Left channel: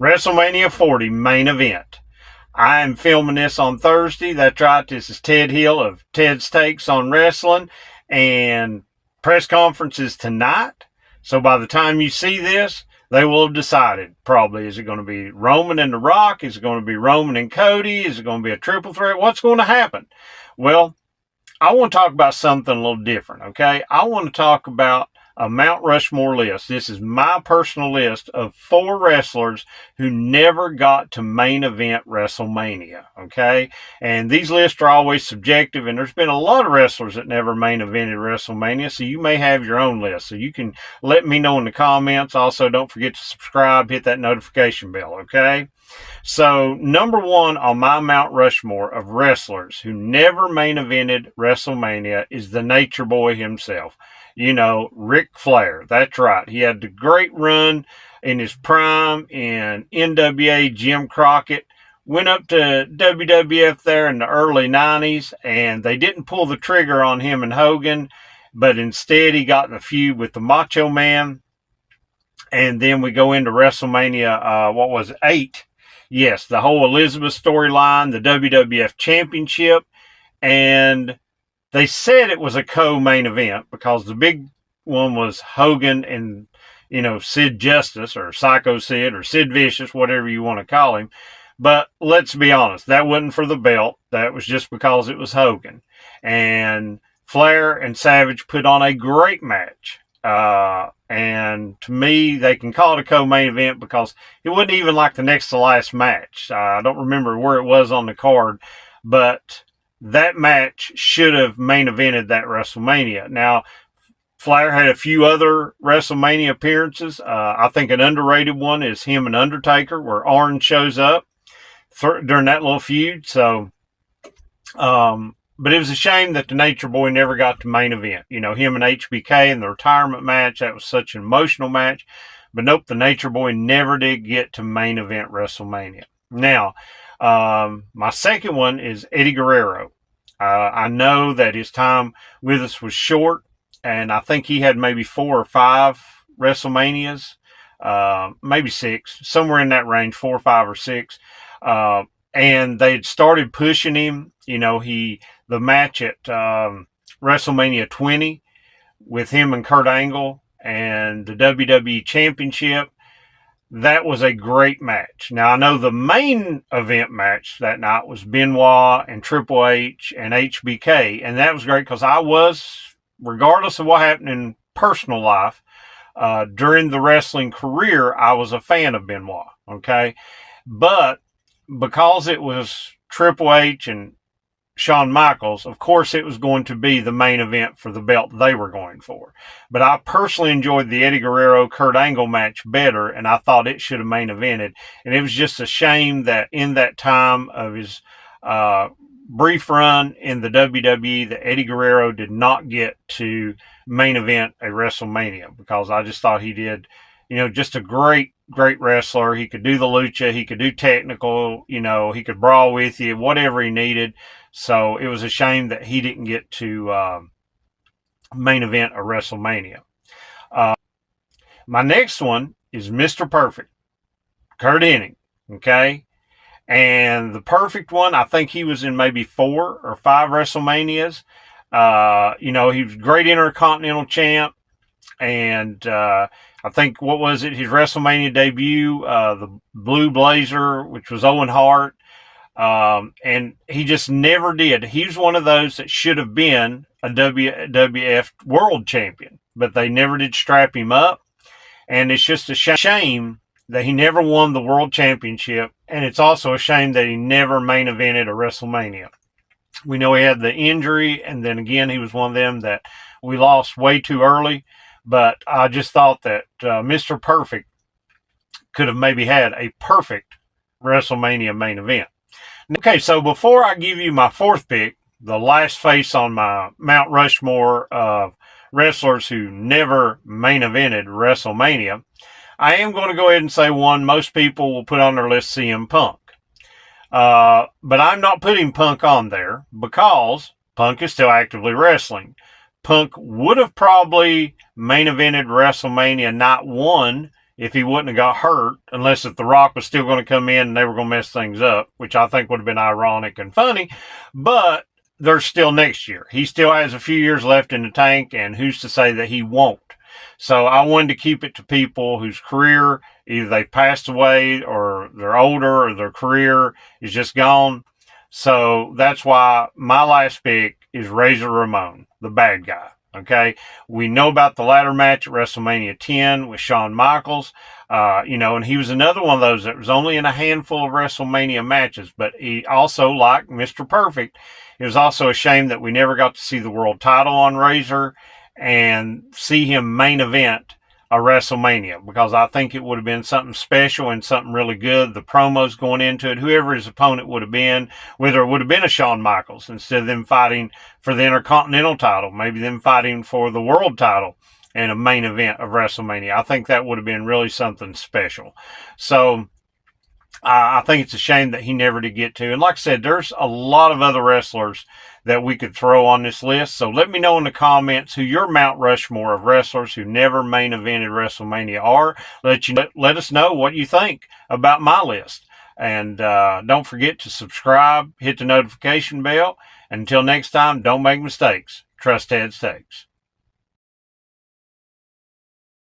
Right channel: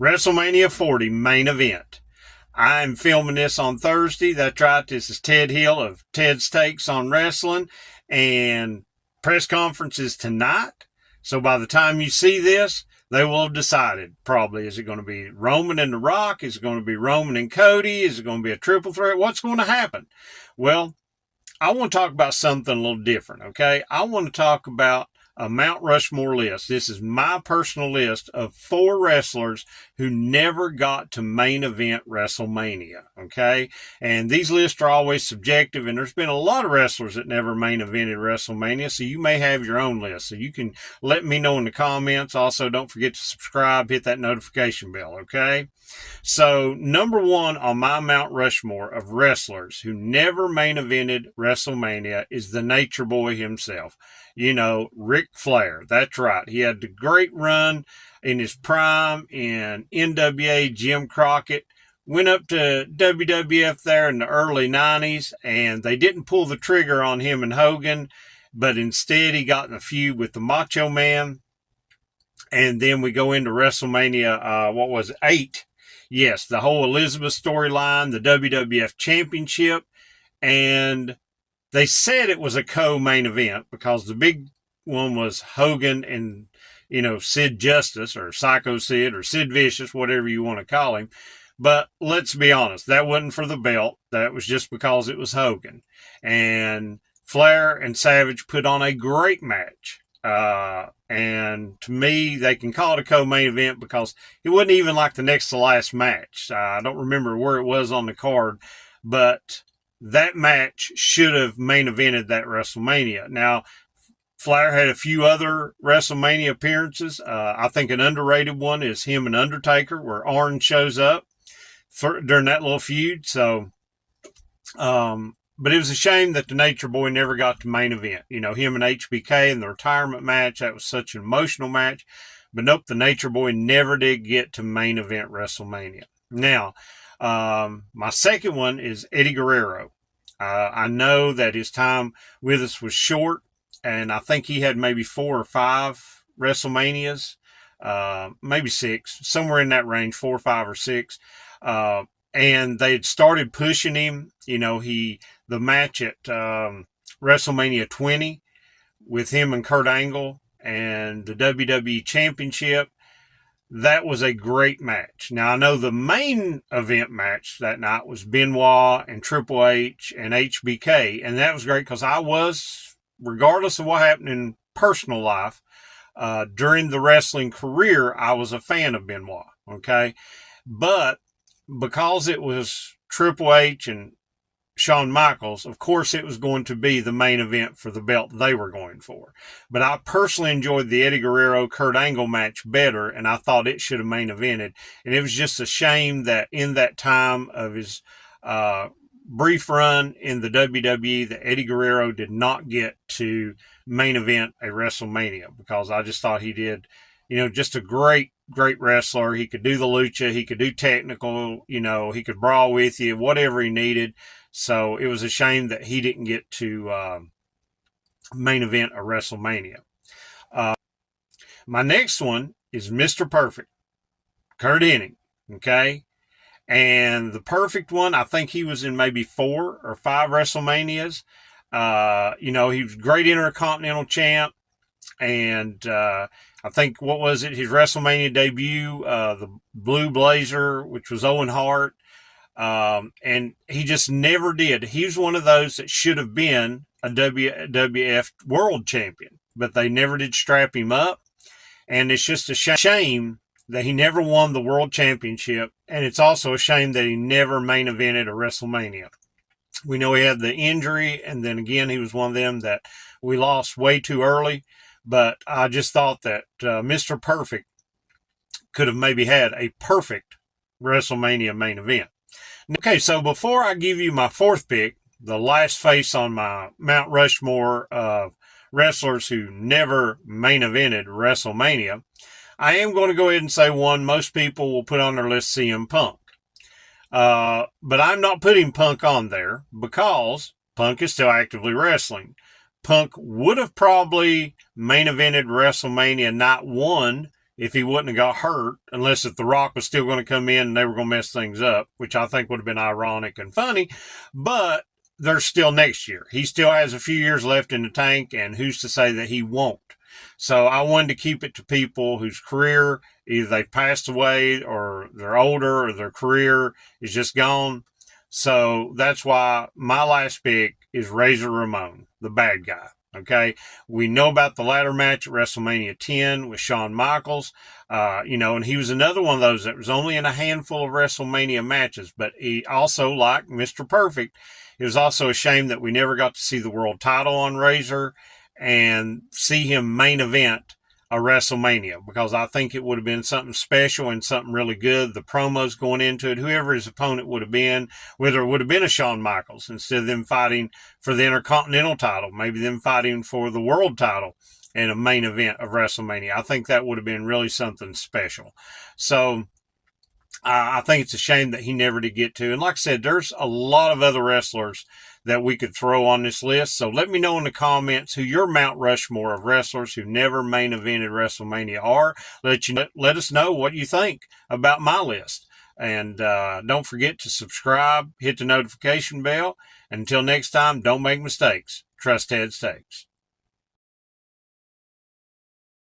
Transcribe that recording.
WrestleMania 40 main event. I am filming this on Thursday. That's right. This is Ted Hill of Ted's Takes on Wrestling, and press conference is tonight. So by the time you see this, they will have decided probably. Is it going to be Roman and The Rock? Is it going to be Roman and Cody? Is it going to be a triple threat? What's going to happen? Well, I want to talk about something a little different, okay? I want to talk about a Mount Rushmore list. This is my personal list of 4 wrestlers who never got to main event WrestleMania, okay? And these lists are always subjective, and there's been a lot of wrestlers that never main evented WrestleMania, so you may have your own list. So you can let me know in the comments. Also, don't forget to subscribe, hit that notification bell, okay? So, number 1 on my Mount Rushmore of wrestlers who never main evented WrestleMania is the Nature Boy himself. You know, Ric Flair. That's right. He had the great run in his prime in NWA Jim Crockett. Went up to WWF there in the early 90s, and they didn't pull the trigger on him and Hogan, but instead he got in a feud with the Macho Man. And then we go into WrestleMania, 8. Yes, the whole Elizabeth storyline, the WWF Championship, and they said it was a co-main event because the big one was Hogan and, Sid Justice or Psycho Sid or Sid Vicious, whatever you want to call him. But let's be honest, that wasn't for the belt. That was just because it was Hogan. And Flair and Savage put on a great match. And to me, they can call it a co-main event because it wasn't even like the next to last match. I don't remember where it was on the card, but that match should have main evented that WrestleMania. Now, Flair had a few other WrestleMania appearances. I think an underrated one is him and Undertaker, where Arn shows up during that little feud. So, but it was a shame that the Nature Boy never got to main event. Him and HBK in the retirement match, that was such an emotional match. But nope, the Nature Boy never did get to main event WrestleMania. Now, my second one is Eddie Guerrero. I know that his time with us was short, and I think he had maybe 4 or 5 WrestleManias, maybe 6, somewhere in that range, 4, 5, or 6. And they'd started pushing him. The match at WrestleMania 20 with him and Kurt Angle and the WWE Championship. That was a great match. Now, I know the main event match that night was Benoit and Triple H and HBK, and that was great because I was, regardless of what happened in personal life, during the wrestling career, I was a fan of Benoit, okay? But because it was Triple H and Shawn Michaels, of course it was going to be the main event for the belt they were going for. But I personally enjoyed the Eddie Guerrero-Kurt Angle match better, and I thought it should have main evented. And it was just a shame that in that time of his brief run in the WWE, that Eddie Guerrero did not get to main event a WrestleMania, because I just thought he did, just a great wrestler. He could do the lucha, he could do technical, he could brawl with you, whatever he needed. So it was a shame that he didn't get to main event a WrestleMania. My next one is Mr. Perfect, Kurt Hennig, okay? And the perfect one, I think he was in maybe 4 or 5 WrestleManias. He was great Intercontinental champ. And I think, what was it, his WrestleMania debut, the Blue Blazer, which was Owen Hart. And he just never did. He was one of those that should have been a WWF world champion, but they never did strap him up. And it's just a shame that he never won the world championship. And it's also a shame that he never main evented a WrestleMania. We know he had the injury, and then again, he was one of them that we lost way too early. But I just thought that Mr. Perfect could have maybe had a perfect WrestleMania main event. Okay, so before I give you my 4th pick, the last face on my Mount Rushmore of wrestlers who never main evented WrestleMania, I am going to go ahead and say one most people will put on their list, CM Punk. But I'm not putting Punk on there because Punk is still actively wrestling. Punk would have probably main evented WrestleMania Night 1 if he wouldn't have got hurt, unless if The Rock was still going to come in and they were going to mess things up, which I think would have been ironic and funny. But there's still next year. He still has a few years left in the tank, and who's to say that he won't? So I wanted to keep it to people whose career, either they've passed away or they're older or their career is just gone. So that's why my last pick is Razor Ramon, the bad guy. Okay. We know about the ladder match at WrestleMania 10 with Shawn Michaels. And he was another one of those that was only in a handful of WrestleMania matches, but he also, like Mr. Perfect, it was also a shame that we never got to see the world title on Razor and see him main event a WrestleMania, because I think it would have been something special and something really good. The promos going into it, whoever his opponent would have been, whether it would have been a Shawn Michaels, instead of them fighting for the Intercontinental title, maybe them fighting for the world title in a main event of WrestleMania. I think that would have been really something special. So I think it's a shame that he never did get to. And like I said, there's a lot of other wrestlers that we could throw on this list. So let me know in the comments who your Mount Rushmore of wrestlers who never main evented WrestleMania are. Let us know what you think about my list. And don't forget to subscribe, hit the notification bell. And until next time, don't make mistakes. Trust Ted's Takes.